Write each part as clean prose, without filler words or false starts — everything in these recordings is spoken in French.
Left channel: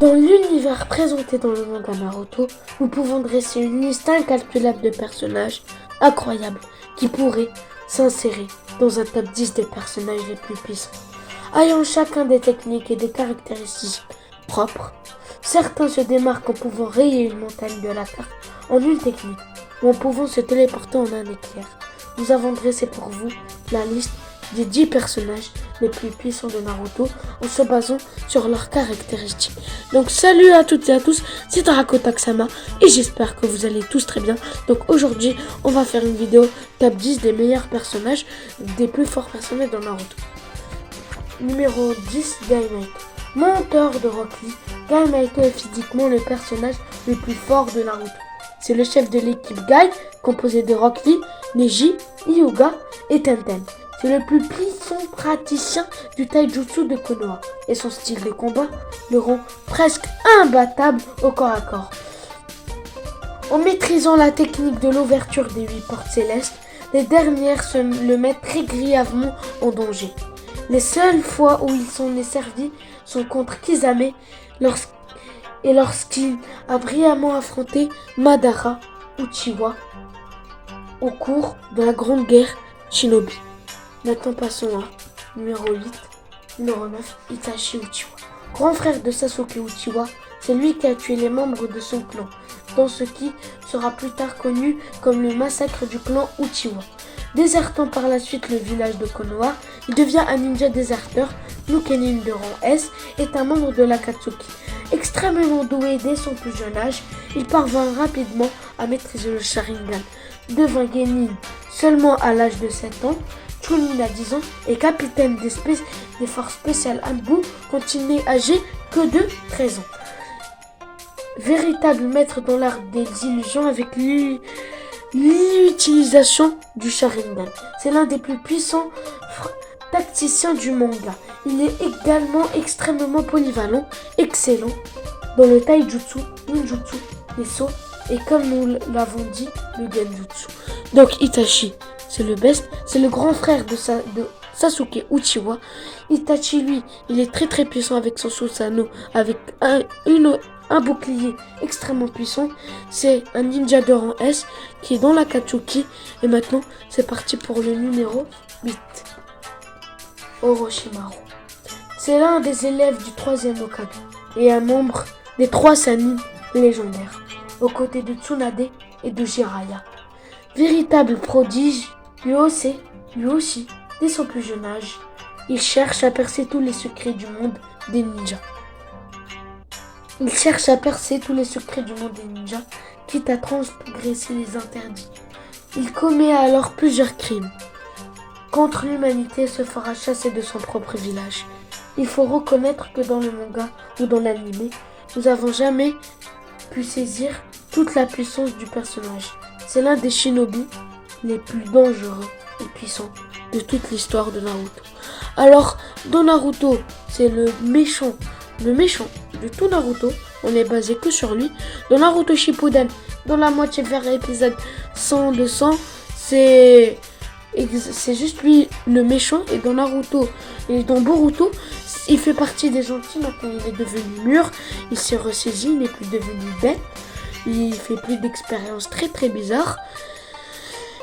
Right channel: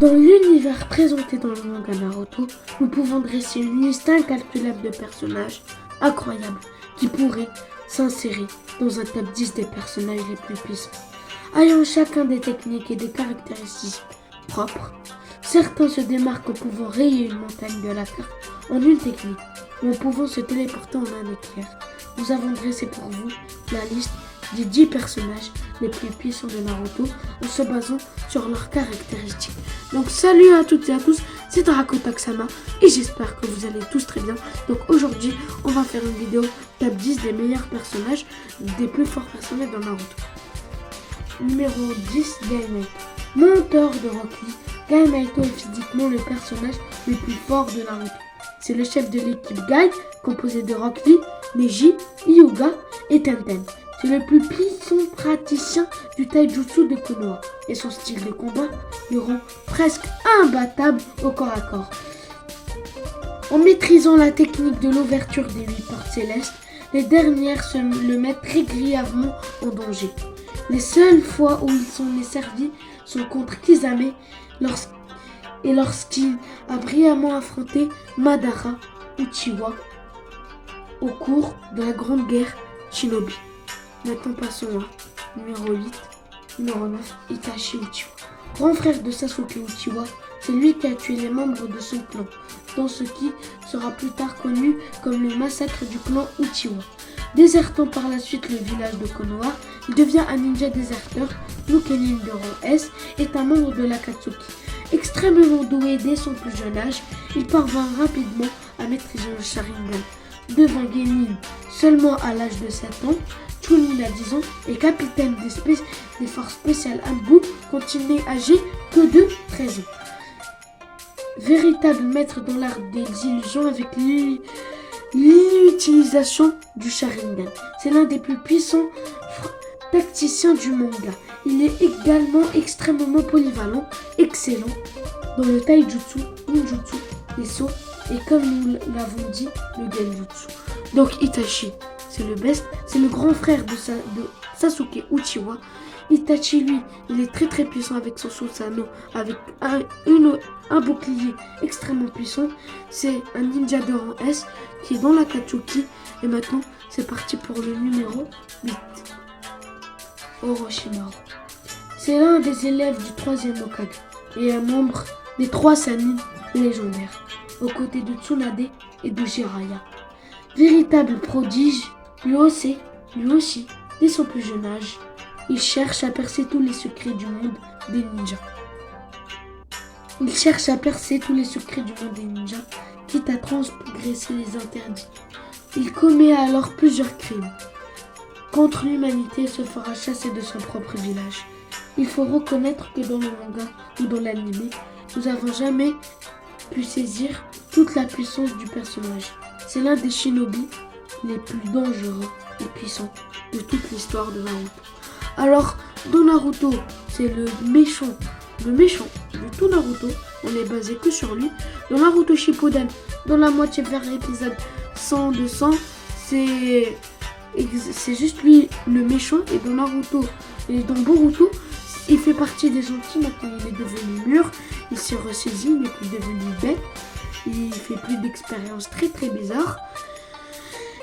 Dans l'univers présenté dans le manga Naruto, nous pouvons dresser une liste incalculable de personnages incroyables qui pourraient s'insérer dans un top 10 des personnages les plus puissants. Ayant chacun des techniques et des caractéristiques propres, certains se démarquent en pouvant rayer une montagne de la carte en une technique ou en pouvant se téléporter en un éclair. Nous avons dressé pour vous la liste des 10 personnages les plus puissants de Naruto en se basant sur leurs caractéristiques. Donc salut à toutes et à tous, c'est Tarako Taksama et j'espère que vous allez tous très bien. Donc aujourd'hui on va faire une vidéo top 10 des meilleurs personnages, des plus forts personnages de Naruto. Numéro 10, Gainaito. Mentor de Rock Lee, Gainaito est physiquement le personnage le plus fort de Naruto. C'est le chef de l'équipe Gai, composé de Rock Lee, Neji, Hyuga et Tenten. C'est le plus puissant praticien du taijutsu de Konoha et son style de combat le rend presque imbattable au corps à corps. En maîtrisant la technique de l'ouverture des 8 portes célestes, les dernières le mettent très grièvement en danger. Les seules fois où ils sont servis sont contre Kisame lorsqu'il a brillamment affronté Madara Uchiwa au cours de la Grande Guerre Shinobi. Maintenant passons à numéro 8, numéro 9, Itachi Uchiwa. Grand frère de Sasuke Uchiwa, c'est lui qui a tué les membres de son clan, dans ce qui sera plus tard connu comme le massacre du clan Uchiwa. Désertant par la suite le village de Konoha, il devient un ninja déserteur. Lukenin de rang S est un membre de l'Akatsuki. Extrêmement doué dès son plus jeune âge, il parvint rapidement à maîtriser le Sharingan. Devint Genin seulement à l'âge de 7 ans, Chunin à 10 ans et capitaine des forces spéciales Anbu quand il n'est âgé que de 13 ans. Véritable maître dans l'art des illusions avec l'utilisation du Sharingan. C'est l'un des plus puissants tacticiens du manga. Il est également extrêmement polyvalent, excellent dans le taijutsu, ninjutsu, les sauts et comme nous l'avons dit, le genjutsu. Donc Itachi, c'est le best, c'est le grand frère de Sasuke Uchiwa. Itachi, lui, il est très puissant avec son Susanoo, avec un bouclier extrêmement puissant. C'est un ninja de rang S qui est dans l'Akatsuki. Et maintenant, c'est parti pour le numéro 8. Orochimaru. C'est l'un des élèves du 3e Hokage et un membre des 3 Sannin légendaires, aux côtés de Tsunade et de Jiraiya. Véritable prodige, lui aussi, dès son plus jeune âge, il cherche à percer tous les secrets du monde des ninjas. Quitte à transgresser les interdits. Il commet alors plusieurs crimes contre l'humanité et se fera chasser de son propre village. Il faut reconnaître que dans le manga ou dans l'anime, nous n'avons jamais pu saisir toute la puissance du personnage. C'est l'un des shinobi les plus dangereux et puissants de toute l'histoire de Naruto. Alors, dans Naruto, c'est le méchant de tout Naruto, on est basé que sur lui. Dans Naruto Shippuden, dans la moitié vers l'épisode 100-200, c'est juste lui le méchant. Et dans Naruto et dans Boruto, il fait partie des gentils. Maintenant il est devenu mûr, il s'est ressaisi, il n'est plus devenu bête. Il fait plus d'expériences très bizarres.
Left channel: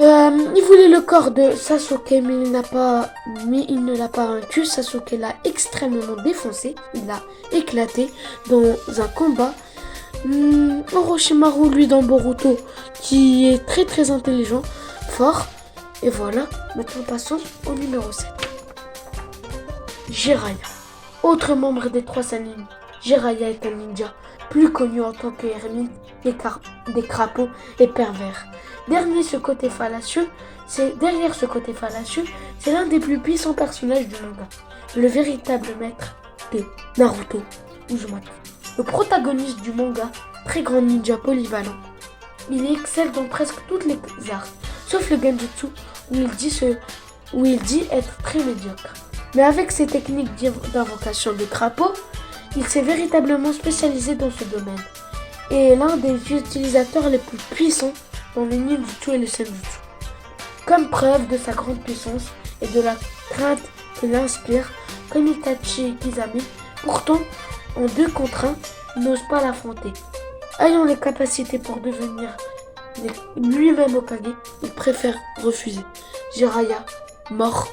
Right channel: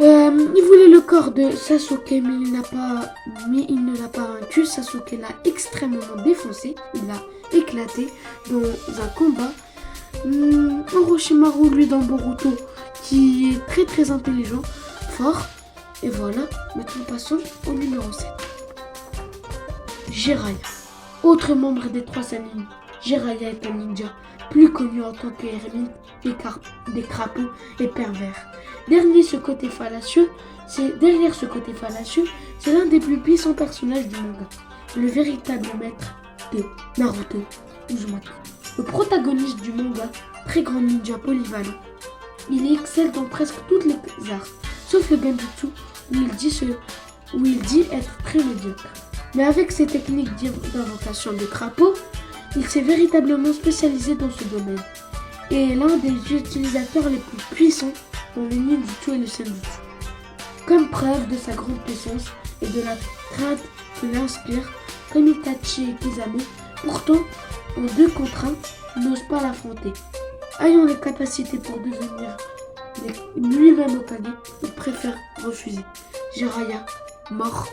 Il voulait le corps de Sasuke, mais il ne l'a pas vaincu. Sasuke l'a extrêmement défoncé, il l'a éclaté dans un combat. Orochimaru, lui, dans Boruto, qui est très intelligent, fort. Et voilà, maintenant passons au numéro 7. Jiraiya. Autre membre des 3 Sannin, Jiraiya est un ninja, plus connu en tant que ermite des crapauds et pervers. Derrière ce côté fallacieux, c'est l'un des plus puissants personnages du manga, le véritable maître de Naruto, Uzumaki. Le protagoniste du manga, très grand ninja polyvalent. Il excelle dans presque toutes les arts, sauf le genjutsu où il dit être très médiocre. Mais avec ses techniques d'invocation de crapauds, il s'est véritablement spécialisé dans ce domaine et est l'un des utilisateurs les plus puissants dans le ninjutsu et le senjutsu. Comme preuve de sa grande puissance et de la crainte que l'inspire, comme Itachi et Kisame, pourtant en 2 contre 1, n'ose pas l'affronter. Ayant les capacités pour devenir lui-même Hokage, il préfère refuser. Jiraiya, mort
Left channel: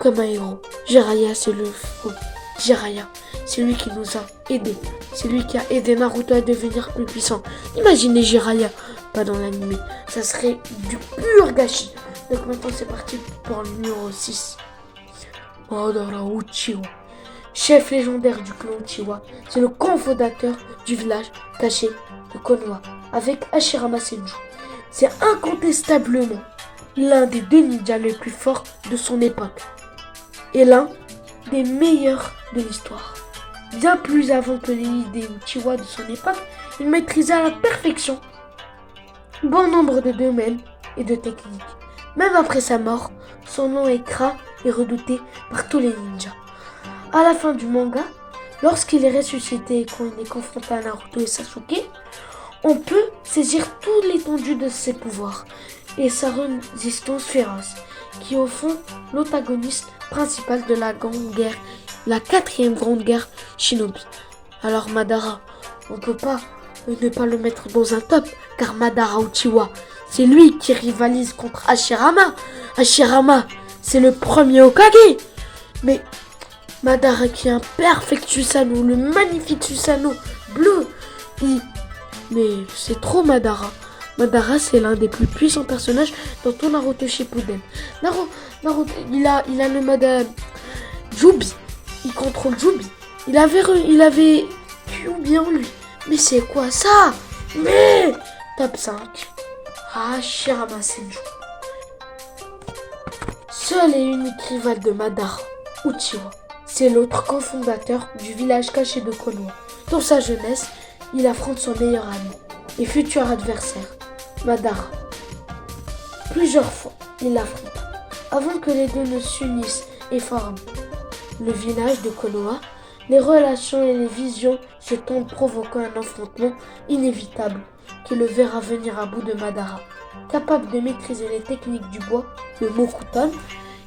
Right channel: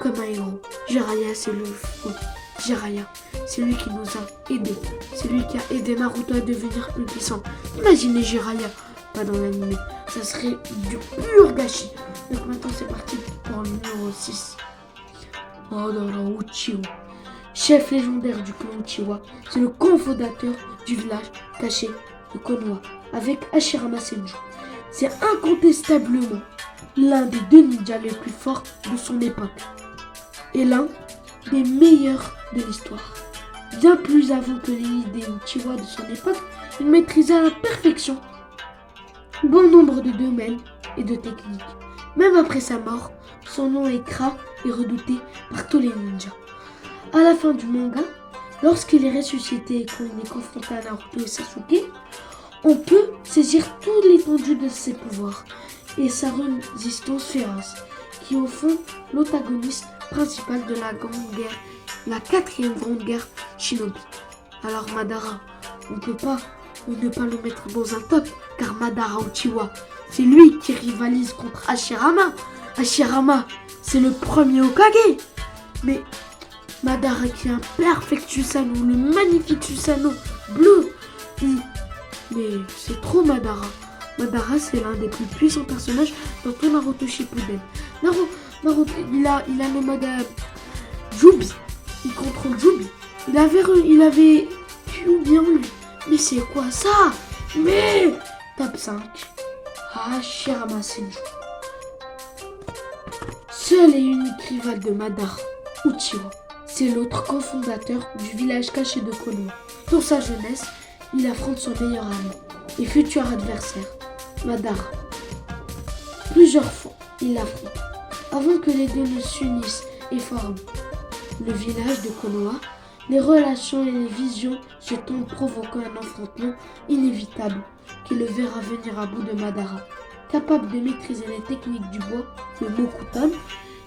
comme un héros. Jiraiya, c'est le faux. Jiraiya, c'est lui qui nous a aidés. C'est lui qui a aidé Naruto à devenir plus puissant. Imaginez Jiraiya, pas dans l'anime. Ça serait du pur gâchis. Donc maintenant c'est parti pour le numéro 6. Madara Uchiwa. Chef légendaire du clan Uchiwa, c'est le cofondateur du village caché de Konoha avec Hashirama Senju. C'est incontestablement l'un des 2 ninjas les plus forts de son époque et l'un des meilleurs de l'histoire. Bien plus avant que les Uchiwa de son époque, il maîtrisait à la perfection bon nombre de domaines et de techniques. Même après sa mort, son nom est craint et redouté par tous les ninjas. À la fin du manga, lorsqu'il est ressuscité et qu'on est confronté à Naruto et Sasuke, on peut saisir toute l'étendue de ses pouvoirs et sa résistance féroce, qui est au fond l'antagoniste principal de la grande guerre, la 4e grande guerre shinobi. Alors Madara, on ne peut pas ne pas le mettre dans un top, car Madara Uchiwa, c'est lui qui rivalise contre Hashirama. Hashirama, c'est le premier Hokage. Mais Madara qui est un perfect Susanoo, le magnifique Susanoo bleu. Mais c'est trop Madara. Madara, c'est l'un des plus puissants personnages dans tout Naruto Shippuden. Naruto, il a le mode Jubi. Il contrôle Jubi. Il avait Kyuubi en lui. Mais c'est quoi ça? Mais top 5. Hashirama Senju. Seul et unique rival de Madara, Uchiwa. C'est l'autre cofondateur du village caché de Konoha. Pour sa jeunesse, il affronte son meilleur ami et futur adversaire, Madara. Plusieurs fois, il l'affronte. Avant que les deux ne s'unissent et forment le village de Konoha, les relations et les visions se tendent provoquant un affrontement inévitable qui le verra venir à bout de Madara. Capable de maîtriser les techniques du bois, le Mokuton,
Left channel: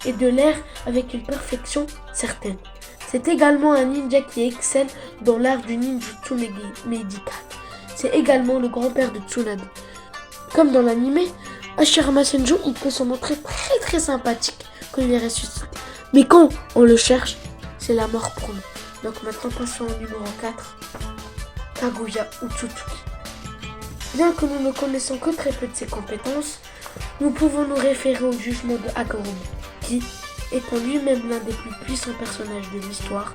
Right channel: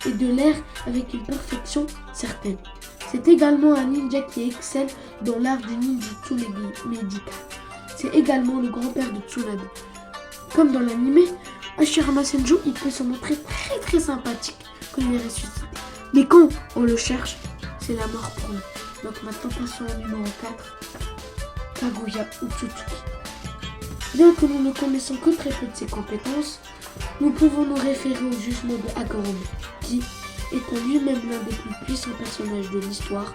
et de l'air avec une perfection certaine. C'est également un ninja qui excelle dans l'art du ninjutsu médical. C'est également le grand-père de Tsunade. Comme dans l'anime, Hashirama Senju, il peut se montrer très très sympathique quand il est ressuscité. Mais quand on le cherche, c'est la mort pour lui. Donc maintenant, passons au numéro 4, Kaguya Otsutsuki. Bien que nous ne connaissons que très peu de ses compétences, nous pouvons nous référer au jugement de Hagoromo, qui, étant lui-même l'un des plus puissants personnages de l'histoire,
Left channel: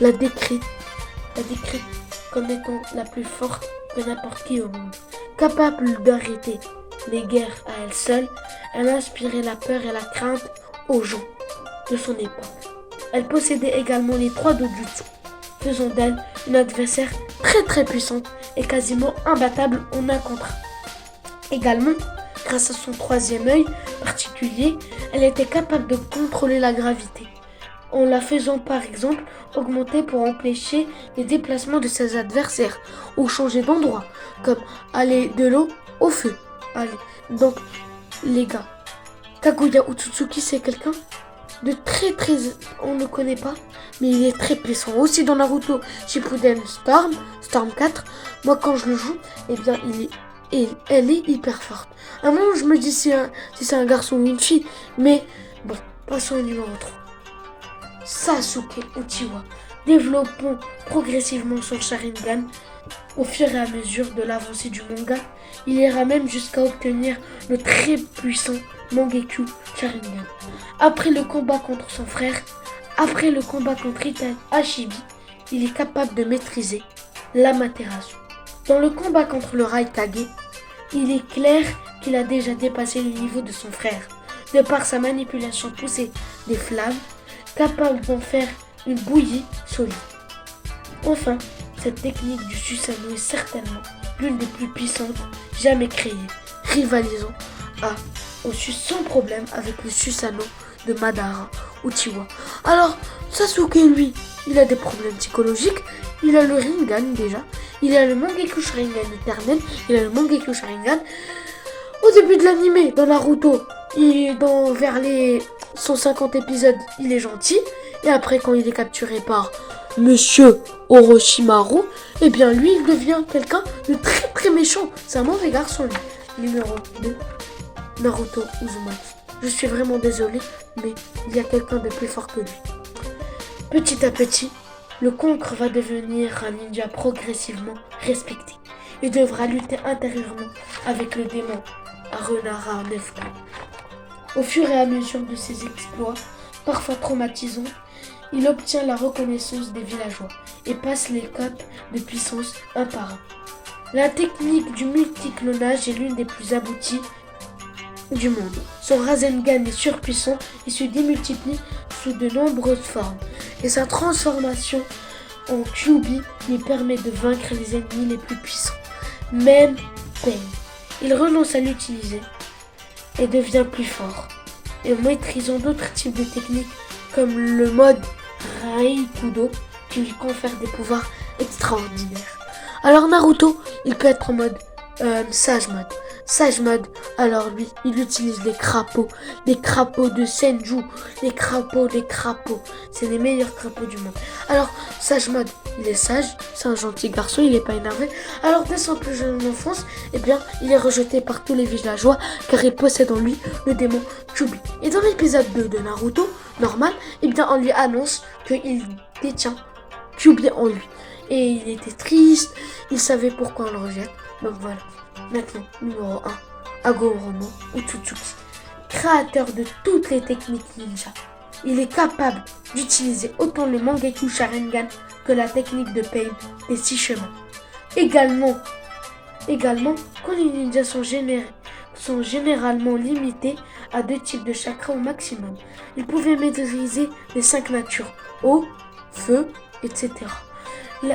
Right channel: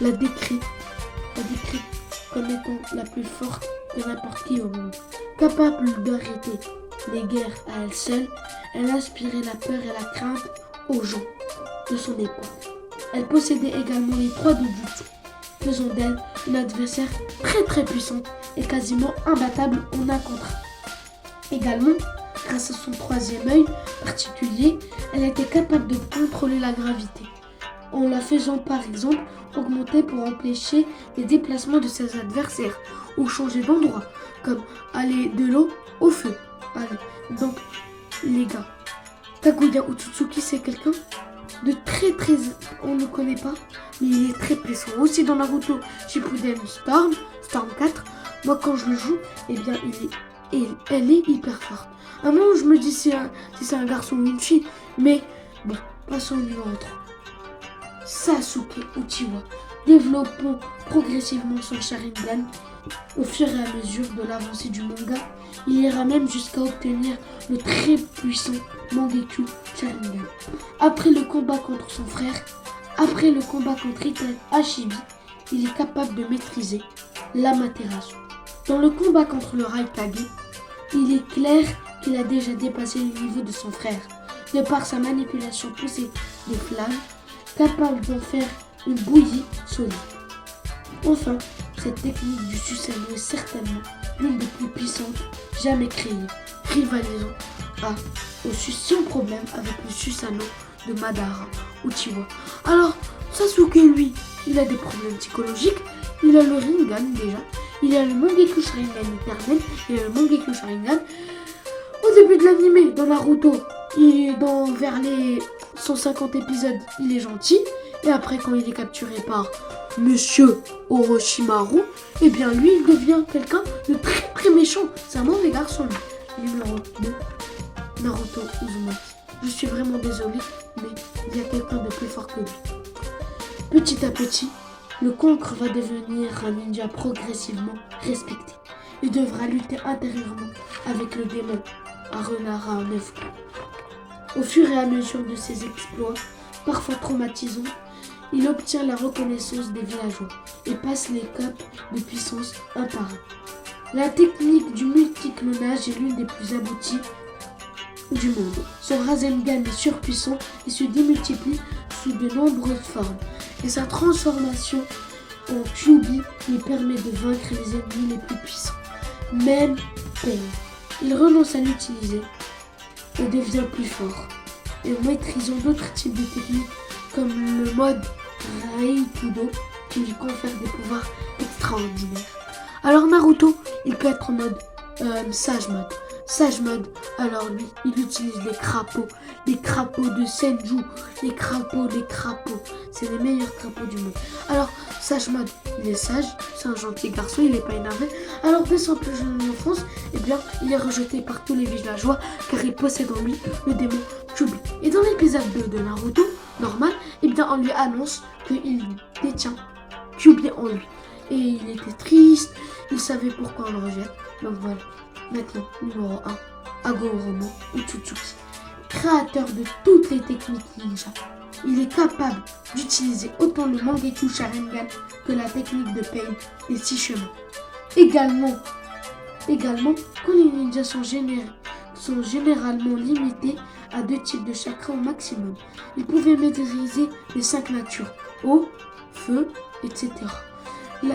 l'a décrit comme étant la plus forte de n'importe qui au monde. Capable d'arrêter les guerres à elle seule, elle a inspiré la peur et la crainte aux gens de son époque. Elle possédait également les 3 dojutsu, faisant d'elle une adversaire très très puissante et quasiment imbattable en 1 contre 1. Également, grâce à son 3e œil particulier, elle était capable de contrôler la gravité, en la faisant par exemple augmenter pour empêcher les déplacements de ses adversaires ou changer d'endroit, comme aller de l'eau au feu. Allez, donc les gars, Kaguya Otsutsuki, c'est quelqu'un de très très... on ne connaît pas, mais il est très puissant. Aussi dans Naruto Shippuden Storm 4, moi quand je le joue, eh bien elle est hyper forte. À un moment je me dis si c'est un garçon ou une fille, mais bon, passons au numéro 3. Sasuke Uchiwa. Développons progressivement son Sharingan au fur et à mesure de l'avancée du manga. Il ira même jusqu'à obtenir le très puissant Mangekyou Sharingan. Après le combat contre son frère, après le combat contre Itachi, il est capable de maîtriser l'Amaterasu. Dans le combat contre le Raikage, il est clair qu'il a déjà dépassé le niveau de son frère, de par sa manipulation poussée des flammes, capable d'en faire une bouillie solide. Enfin, cette technique du Susanoo est certainement l'une des plus puissantes jamais créées, rivalisant sans problème avec le Susanoo de Madara Uchiwa. Alors, Sasuke, lui, il a des problèmes psychologiques, il a le Rinnegan déjà, il a le Mangekyou Sharingan éternel, il a le Mangekyou Sharingan. Au début de l'anime, dans Naruto, vers les 150 épisodes, il est gentil, et après quand il est capturé par Monsieur Orochimaru, eh bien lui, il devient quelqu'un de très très méchant. C'est un mauvais garçon, lui. Numéro 2, Naruto Uzumaki. Je suis vraiment désolé, mais il y a quelqu'un de plus fort que lui. Petit à petit, le conque va devenir un ninja progressivement respecté. Il devra lutter intérieurement avec le démon Arunara en 9 coups. Au fur et à mesure de ses exploits, parfois traumatisants, il obtient la reconnaissance des villageois et passe les cotes de puissance un par un. La technique du multiclonage est l'une des plus abouties du monde. Son Rasengan est surpuissant et se démultiplie sous de nombreuses formes. Et sa transformation en Kyuubi lui permet de vaincre les ennemis les plus puissants. Même Pain. Il renonce à l'utiliser et devient plus fort. Et maîtrisant d'autres types de techniques comme le mode Raikudo qui lui confère des pouvoirs extraordinaires. Alors Naruto, il peut être en mode Sage Mode. Sage Mode, alors lui, il utilise des crapauds de Senju, des crapauds. C'est les meilleurs crapauds du monde. Alors, Sage Mode, il est sage, c'est un gentil garçon, il n'est pas énervé. Alors, dès son plus jeune enfance, eh bien, il est rejeté par tous les villageois car il possède en lui le démon Kyuubi. Et dans l'épisode 2 de Naruto, normal, eh bien, on lui annonce qu'il détient Kyuubi en lui. Et il était triste, il savait pourquoi on le rejette. Donc voilà. Maintenant, numéro 1, Hagoromo Otsutsuki. Créateur de toutes les techniques ninja, il est capable d'utiliser autant le Mangekyou Sharingan que la technique de Pain des 6 chemins. Également, quand les ninjas sont généralement limités à 2 types de chakras au maximum. Il pouvait maîtriser les 5 natures, eau, feu, etc.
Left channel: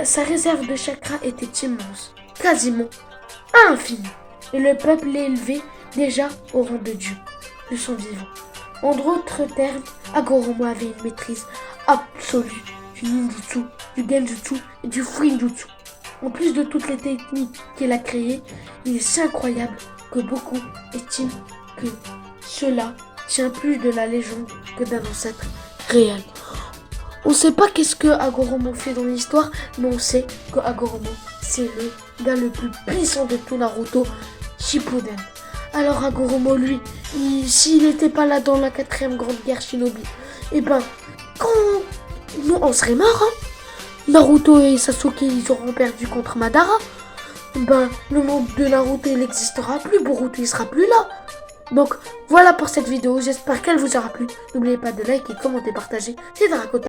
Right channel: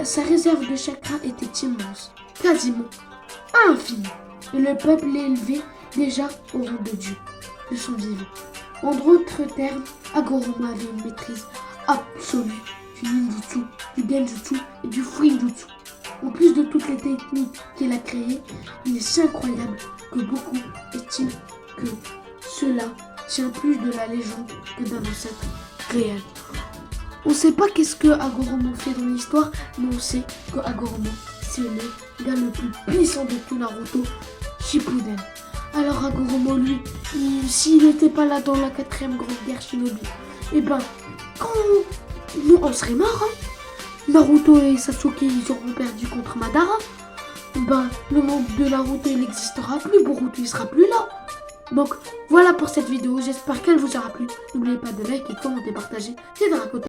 Sa réserve de chakras était immense, quasiment infini. Et le peuple l'élevé déjà au rang de Dieu, de son vivant. En d'autres termes, Hagoromo avait une maîtrise absolue du ninjutsu, du genjutsu et du fuinjutsu. En plus de toutes les techniques qu'il a créées, il est si incroyable que beaucoup estiment que cela tient plus de la légende que d'un ancêtre réel. On ne sait pas qu'est-ce que Hagoromo fait dans l'histoire, mais on sait que Hagoromo, c'est le gars le plus puissant de tout Naruto, Shippuden. Alors Hagoromo, lui, s'il n'était pas là dans la 4e grande guerre shinobi, eh ben, nous, on serait morts, hein. Naruto et Sasuke, ils auront perdu contre Madara. Ben, le monde de Naruto, il n'existera plus, Boruto, il sera plus là. Donc, voilà pour cette vidéo, j'espère qu'elle vous aura plu. N'oubliez pas de liker, commenter, partager, c'est Dracoton.